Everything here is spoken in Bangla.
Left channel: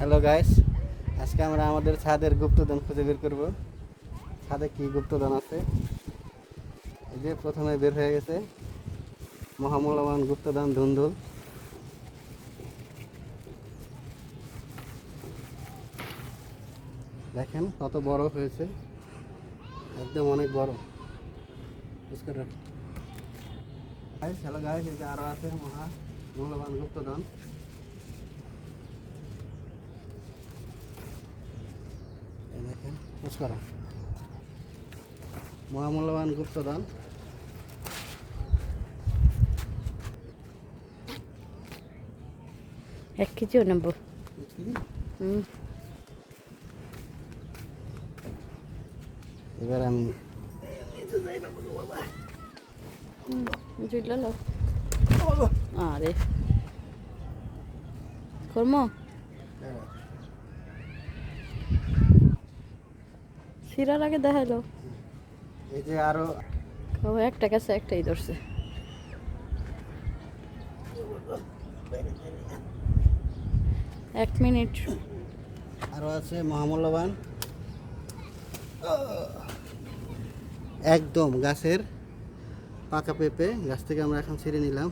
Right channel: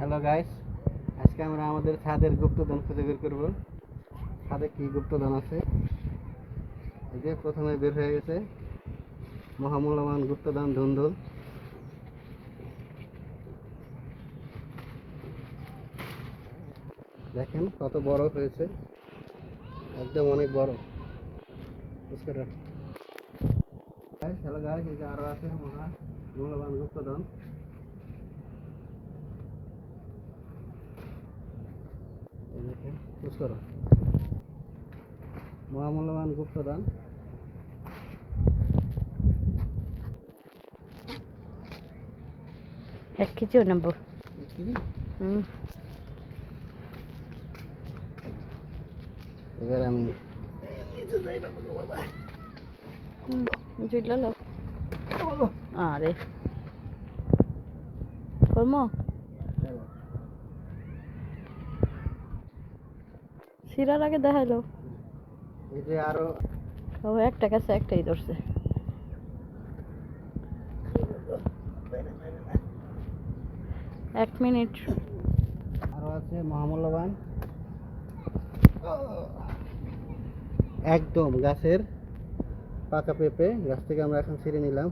হ্যালো গাইস, আজকে আমরা আমাদের ছাদের গুপ্তধন খুঁজে বের করব। ছাদে কি গুপ্তধন আছে? এই যে প্রথমে বের হয়ে গেছে মহামূল্যবান গুপ্তধন ধুন্দুল। দেখেন কত বড় হয়েছে, একদম অনেক বড়। হ্যালো গাইস, এই যে আরো আছে মহামূল্যবান গুপ্তধন। দেখেন নমস্কার, মহামূল্যবান গুপ্তধন। এক কেজিও নেব। এবার আমি জুইলালো আরে কর্ম সিরার আগে দেখাইলো। এই যে আরো একটা কাছে একটাই ধরছে। এক মিনিট। আরো আছে মহামূল্যবান, একদম গাছের পাকা পেঁপে। গাছ থেকে আমরা এখন ছিঁড়ে নিলাম।